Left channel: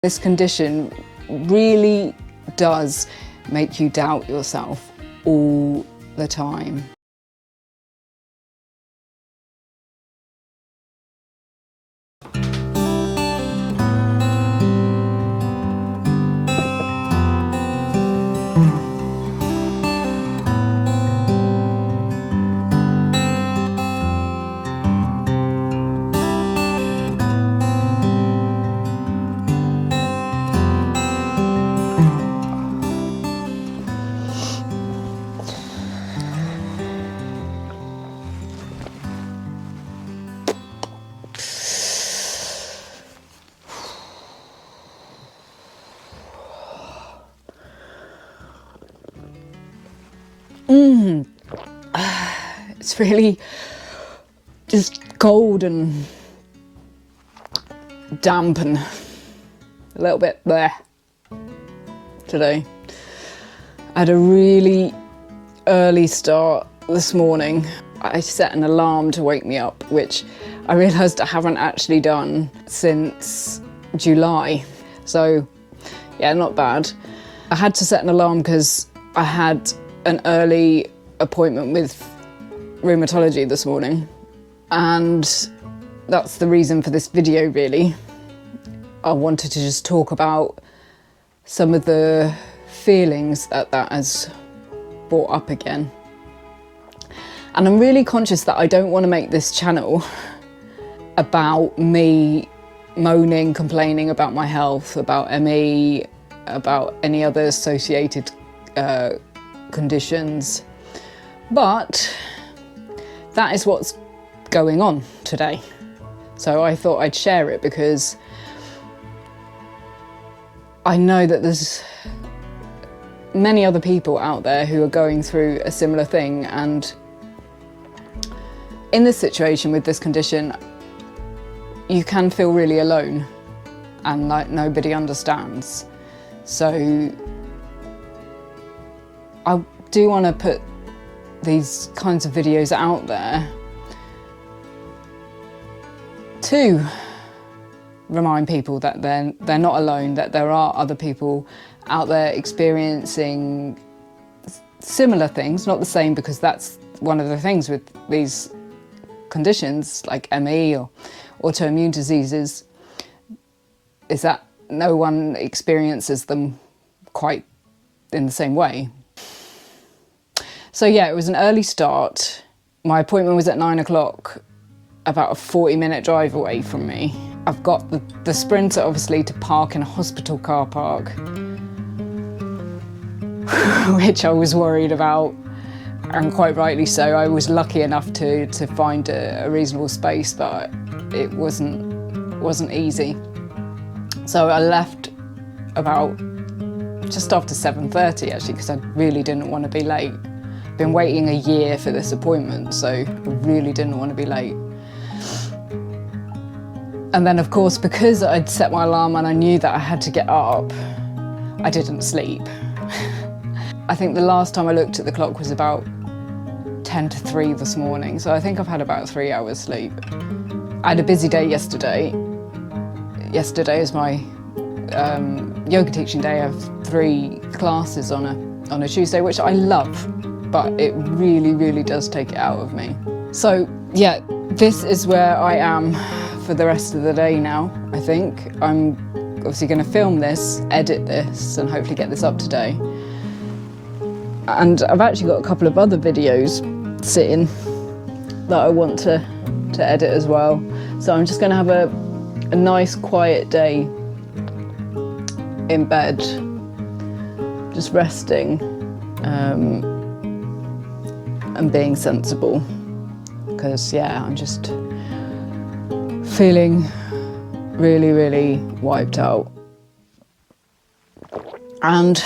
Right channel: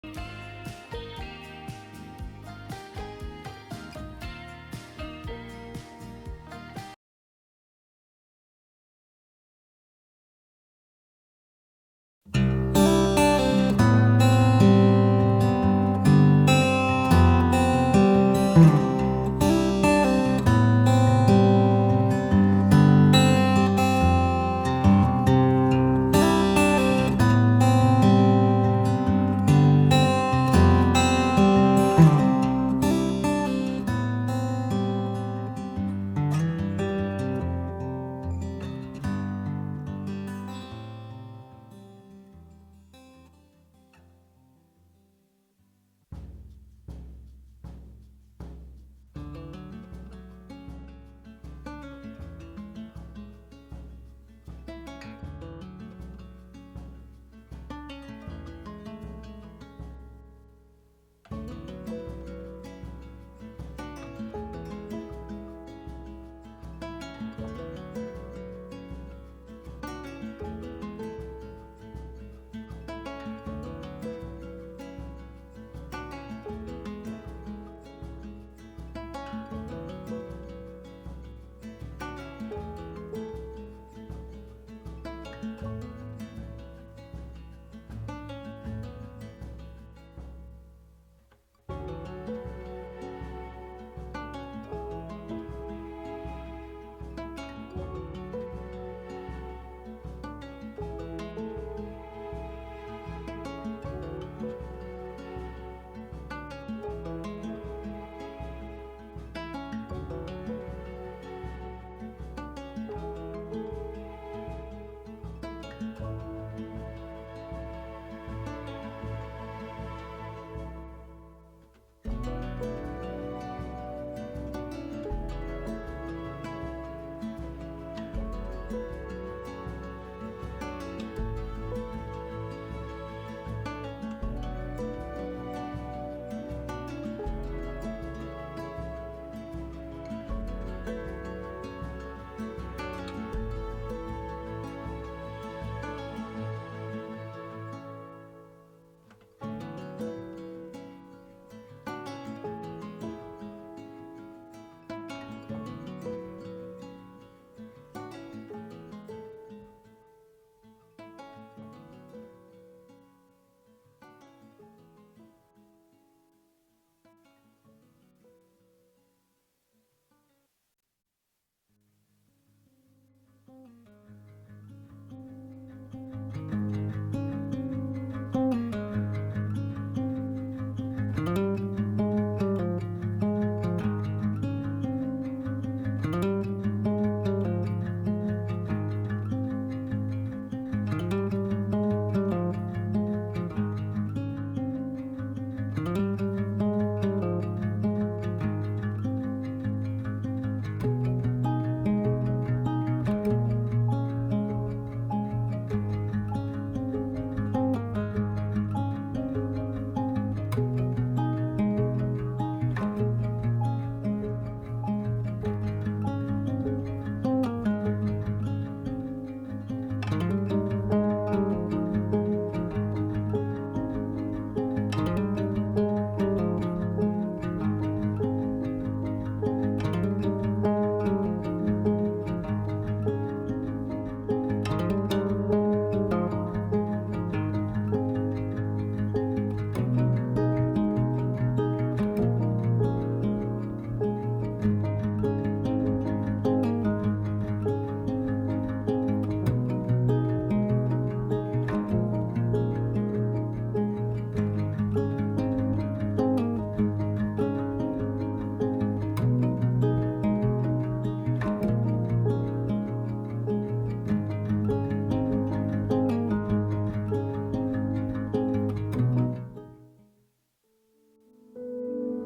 This condition really does make you doubt yourself all the time. It's really just cold and damp and a little bit bleh today. I had a really early start this morning. I set an alarm to wake me up, which I realised I haven't actually done since July. So yeah, not bad. I had to set an alarm because I had an early appointment with Rheumatology this morning, and that's the reason for this video really. I wanted to just talk about some of the feelings that has brought up again. And I'm really conscious that I don't want to make this channel about me moaning, complaining about my health, about ME, about any other associated conditions. But that is what's going on today. So I thought I'd share it because I know that there's many other people out there who are going through a similar thing, and in this situation with this condition, you can feel really alone and like nobody understands. So I do want to put these kinds of videos out there to remind people that they're not alone, that there are other people out there experiencing similar things, not the same, because that's one of the things with these conditions like ME or autoimmune diseases, is that no one experiences them quite in the same way. So yeah, it was an early start. My appointment was at 9 o'clock, about a 40-minute drive away from me. I've got the Sprinter obviously to park in a hospital car park, which I was worried about, and quite rightly so. I was lucky enough to find a reasonable space, but it wasn't easy. So I left about just after 7:30 actually, because I really didn't want to be late. Been waiting a year for this appointment, so I really didn't want to be late. And then of course, because I'd set my alarm and I knew that I had to get up, I didn't sleep. I think the last time I looked at the clock was about 10 to 3 this morning, so I think I've had about 3 hours sleep. I had a busy day yesterday. Yesterday is my yoga teaching day. I have 3 classes on a Tuesday, which I love, but it really, really does take it out of me. So yeah, this is where I am for the rest of the day now, I think. I'm obviously going to film this, edit this, and hopefully get this up today. And I've actually got a couple of other videos sitting that I want to edit as well. So I'm just going to have a nice quiet day in bed, just resting and being sensible, because yeah, I'm just feeling really, really wiped out. And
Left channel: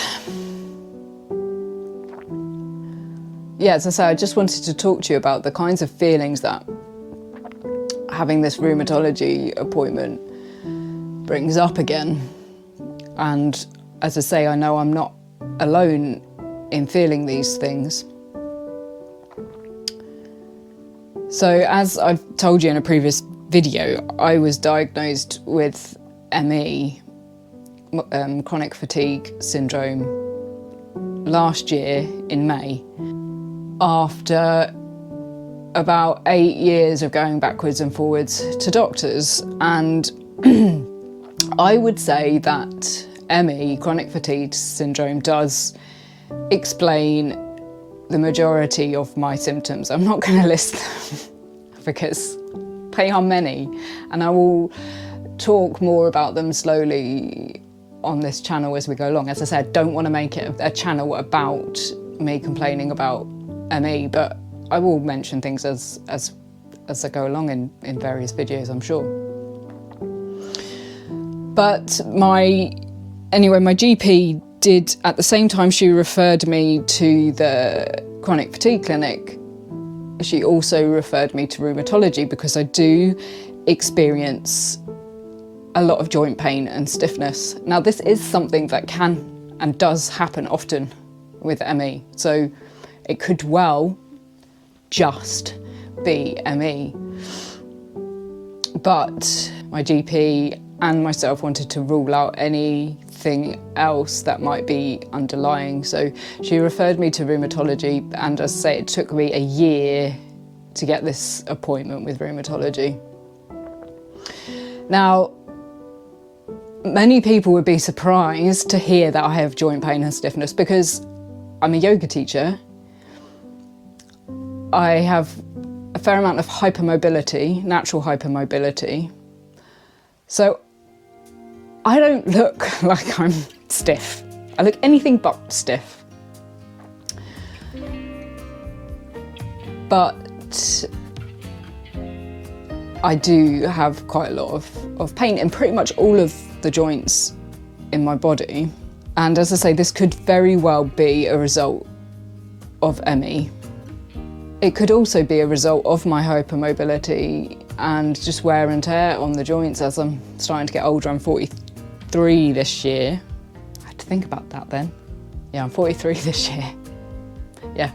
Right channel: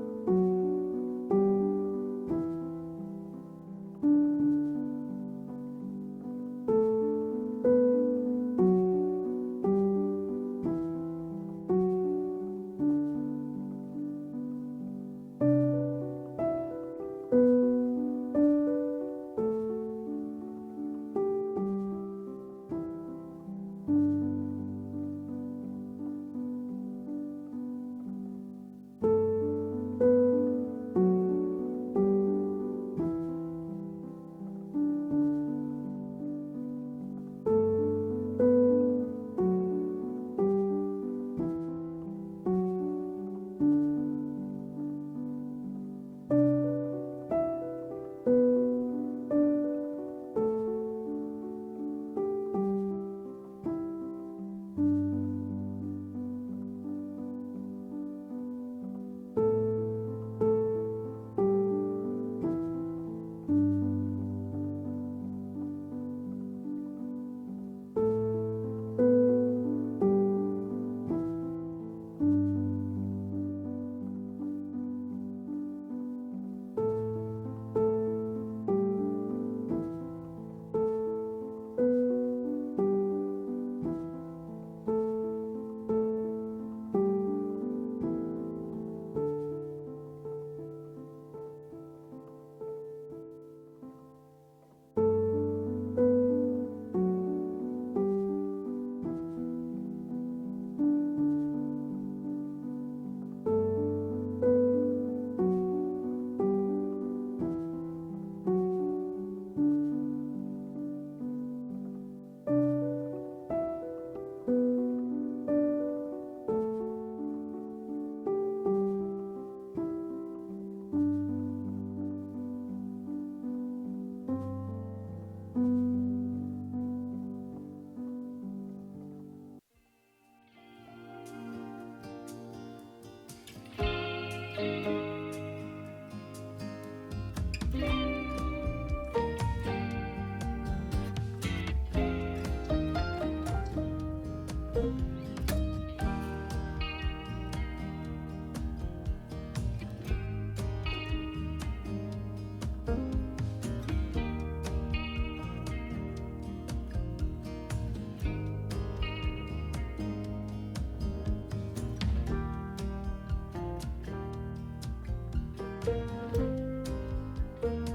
yeah, as I say, I just wanted to talk to you about the kinds of feelings that having this rheumatology appointment brings up again. And as I say, I know I'm not alone in feeling these things. So as I've told you in a previous video, I was diagnosed with ME chronic fatigue syndrome last year in May, after about 8 years of going backwards and forwards to doctors. And I would say that ME, chronic fatigue syndrome, does explain the majority of my symptoms. I'm not going to list them because they are many, and I will talk more about them slowly on this channel as we go along. As I said, I don't want to make it a channel about me complaining about ME, but I will mention things as I go along in various videos, I'm sure. But my GP did, at the same time she referred me to the chronic fatigue clinic, she also referred me to rheumatology, because I do experience a lot of joint pain and stiffness. Now, this is something that can and does happen often with ME, so it could well just be ME. But my GP and myself wanted to rule out anything else that might be underlying, so she referred me to rheumatology, and as I say, it took me a year to get this appointment with rheumatology. Now, many people would be surprised to hear that I have joint pain and stiffness, because I'm a yoga teacher. I have a fair amount of hypermobility, natural hypermobility. So I don't look like I'm stiff. I look anything but stiff. But I do have quite a lot of pain in pretty much all of the joints in my body. And as I say, this could very well be a result of ME. It could also be a result of my hypermobility and just wear and tear on the joints as I'm starting to get older. I'm 43 this year. I had to think about that then. Yeah, I'm 43 this year. Yeah.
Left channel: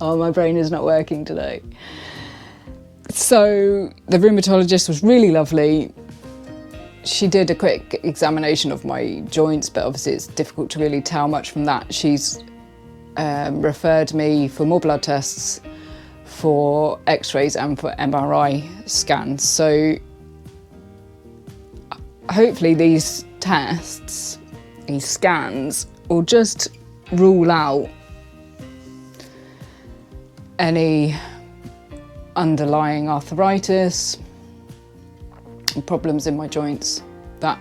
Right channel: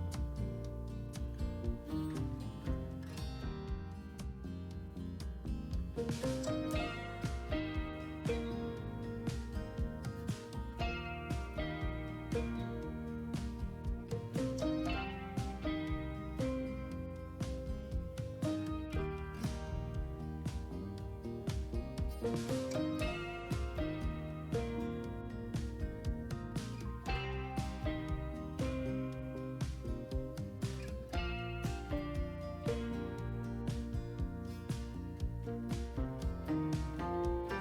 Oh, my brain is not working today. So the rheumatologist was really lovely. She did a quick examination of my joints, but obviously it's difficult to really tell much from that. She's referred me for more blood tests, for x-rays and for MRI scans. So hopefully these tests, these scans, will just rule out any underlying arthritis, problems in my joints that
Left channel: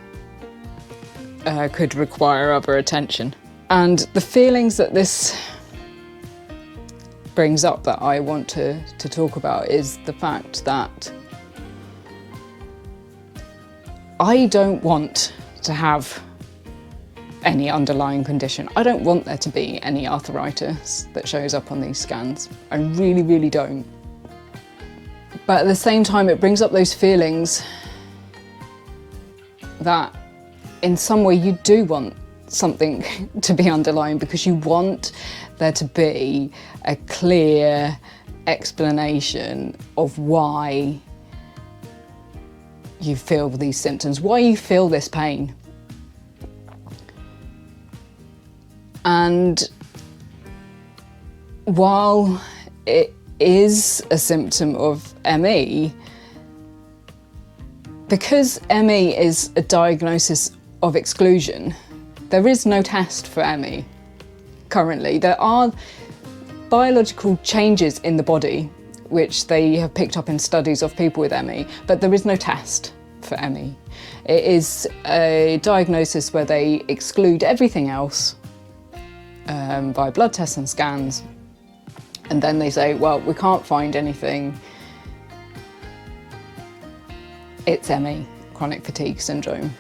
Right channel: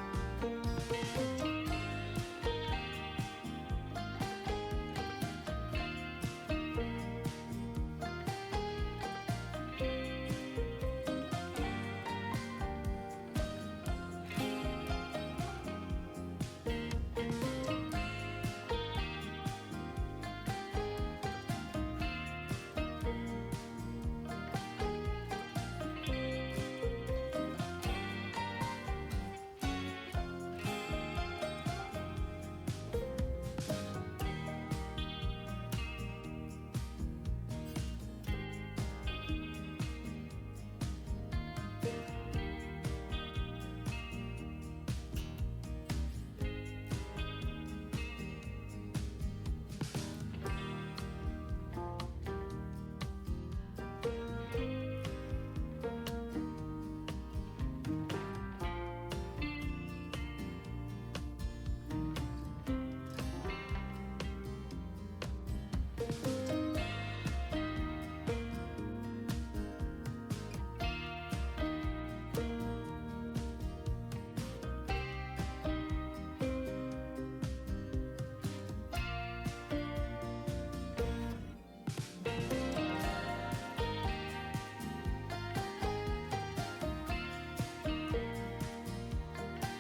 could require other attention. And the feelings that this brings up that I want to talk about is the fact that I don't want to have any underlying condition. I don't want there to be any arthritis that shows up on these scans. I really, really don't. But at the same time, it brings up those feelings that in some way you do want something to be underlying, because you want there to be a clear explanation of why you feel these symptoms, why you feel this pain. And while it is a symptom of ME, because ME is a diagnosis of exclusion, there is no test for ME currently. There are biological changes in the body which they have picked up in studies of people with ME, but there is no test for ME. It is a diagnosis where they exclude everything else by blood tests and scans, and then they say, well, we can't find anything, it's ME, chronic fatigue syndrome.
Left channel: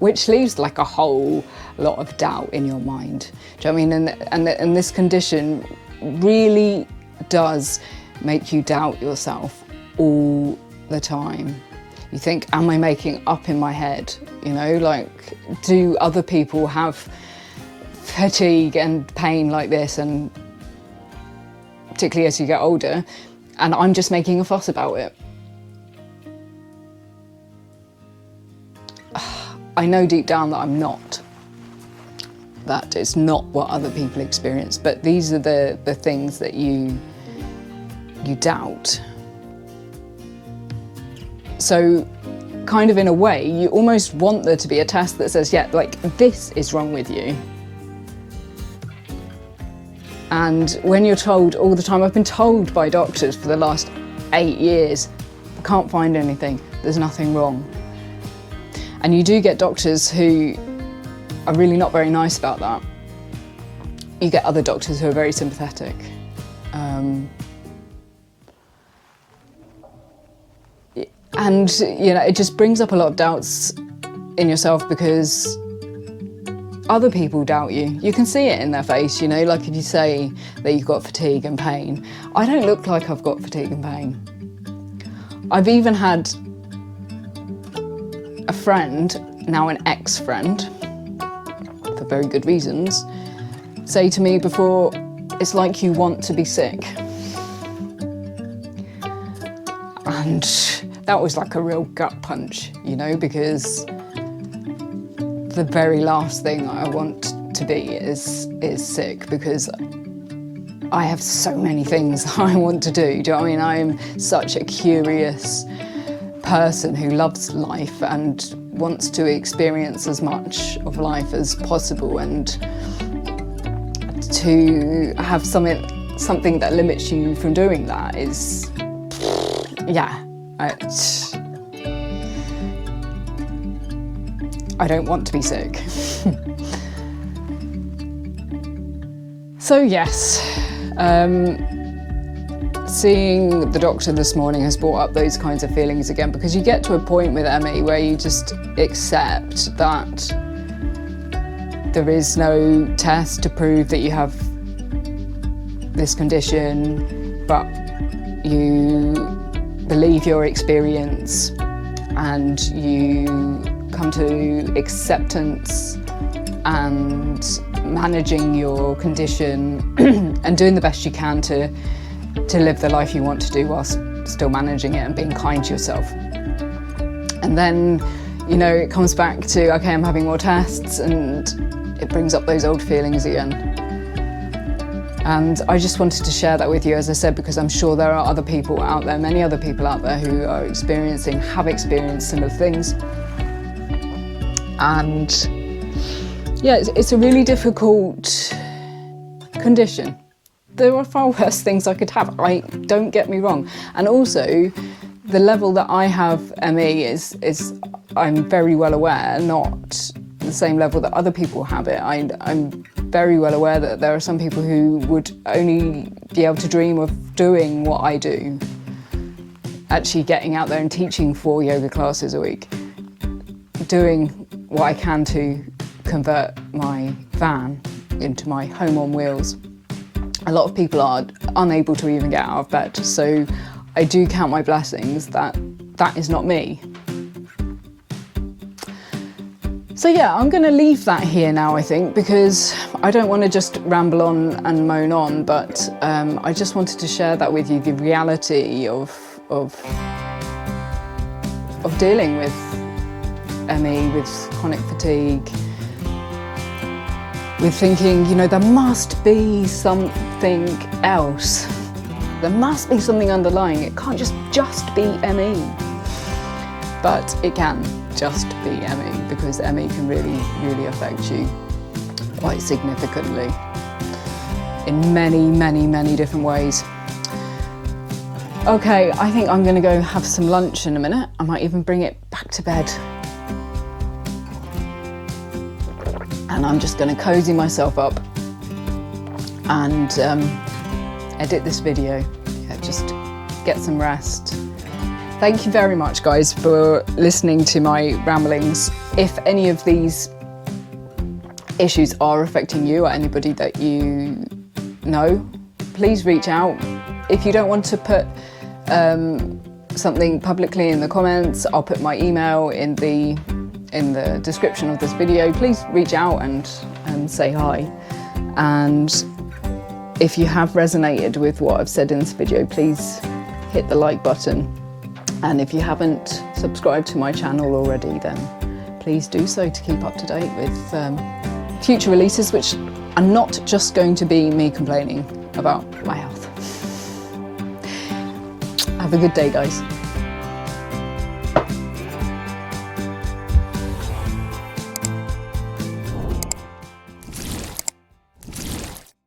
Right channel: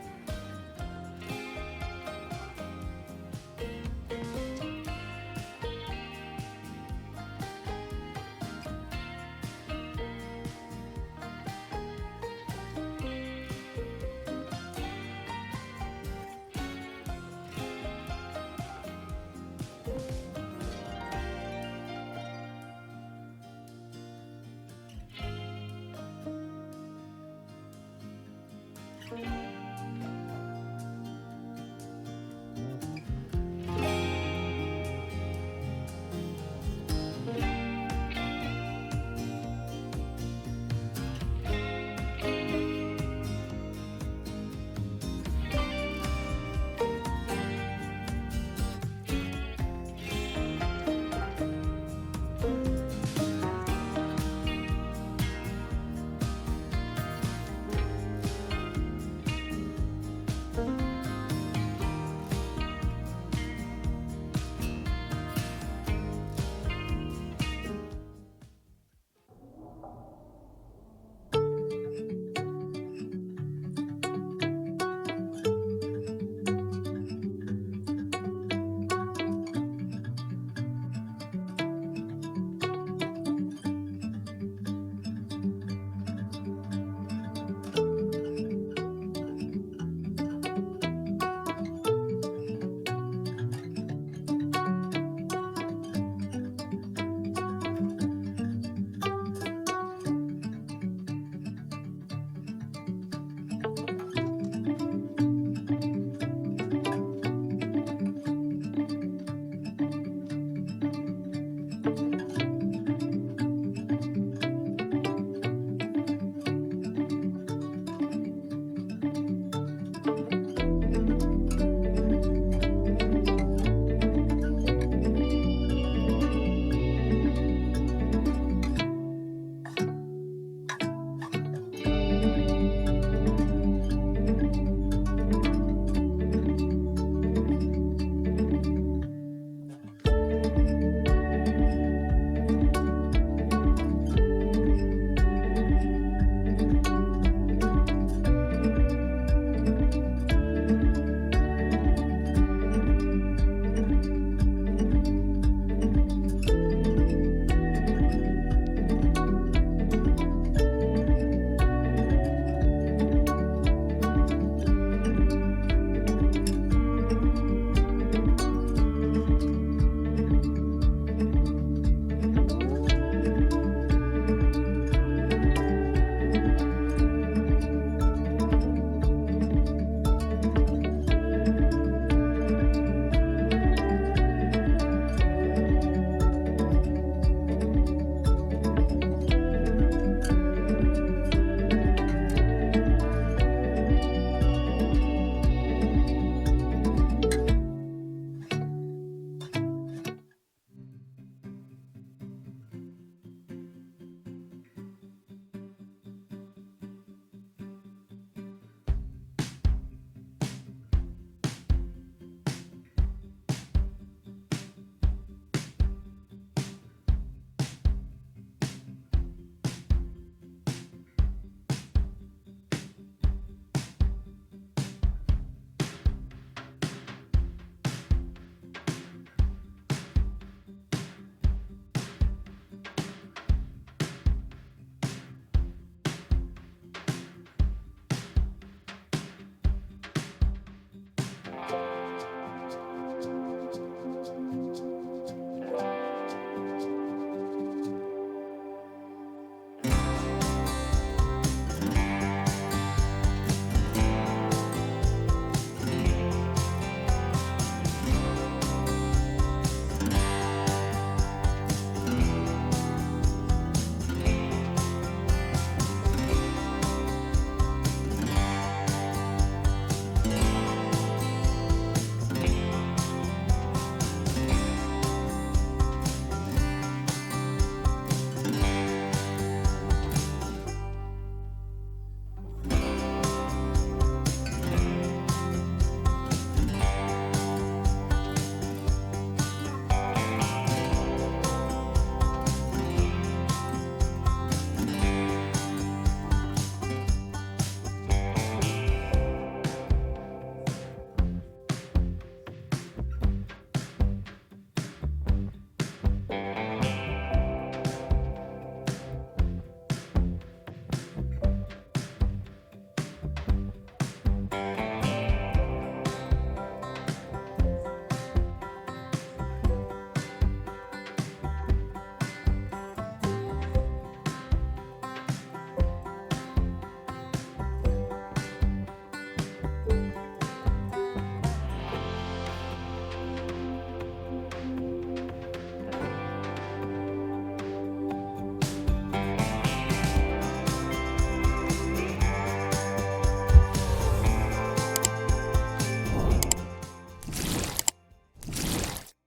Which leaves like a whole lot of doubt in your mind. Do you know what I mean? And this condition really does make you doubt yourself all the time. You think, am I making up in my head? You know, like, do other people have fatigue and pain like this? And particularly as you get older, and I'm just making a fuss about it. I know deep down that I'm not. That it's not what other people experience, but these are the things that you doubt. So kind of in a way, you almost want there to be a test that says, yeah, like this is wrong with you. And when you're told all the time, I've been told by doctors for the last 8 years, I can't find anything, there's nothing wrong. And you do get doctors who are really not very nice about that. You get other doctors who are very sympathetic. And you know, it just brings up a lot of doubts in yourself because other people doubt you. You can see it in their face, you know, like if you say that you've got fatigue and pain. I don't look like I've got fatigue and pain. I've even had a friend, now an ex-friend, for very good reasons, say to me before, it's like you want to be sick. And that was like a real gut punch, you know, because the very last thing I want to be is sick, because I have so many things I want to do. Do you know what I mean? I'm such a curious person who loves life and wants to experience as much of life as possible, and to have something that limits you from doing that is, yeah, I don't want to be sick. So yes, seeing the doctor this morning has brought up those kinds of feelings again, because you get to a point with ME where you just accept that there is no test to prove that you have this condition, but you believe your experience and you come to acceptance and managing your condition and doing the best you can to live the life you want to do whilst still managing it and being kind to yourself. And then, you know, it comes back to, okay, I'm having more tests, and it brings up those old feelings again. And I just wanted to share that with you, as I said, because I'm sure there are other people out there, many other people out there who are have experienced similar things. And yeah, it's a really difficult condition. There are far worse things I could have, don't get me wrong. And also, the level that I have ME is I'm very well aware, not the same level that other people have it. I'm very well aware that there are some people who would only be able to dream of doing what I do, actually getting out there and teaching 4 yoga classes a week, doing what I can to convert my van into my home on wheels. A lot of people are unable to even get out of bed, so I do count my blessings that that is not me. So yeah, I'm going to leave that here now, I think, because I don't want to just ramble on and moan on, but I just wanted to share that with you, the reality of dealing with ME, with chronic fatigue, with thinking, you know, there must be something else. There must be something underlying. It can't just be ME. But it can just be ME, because ME can really, really affect you quite significantly in many, many, many different ways. Okay, I think I'm going to go have some lunch in a minute. I might even bring it back to bed. And I'm just going to cozy myself up and edit this video. Yeah, just get some rest. Thank you very much, guys, for listening to my ramblings. If any of these issues are affecting you or anybody that you know, please reach out. If you don't want to put something publicly in the comments, I'll put my email in the description of this video. Please reach out and say hi. And if you have resonated with what I've said in this video, please hit the like button. And if you haven't subscribed to my channel already, then please do so to keep up to date with future releases, which are not just going to be me complaining about my health. Have a good day, guys.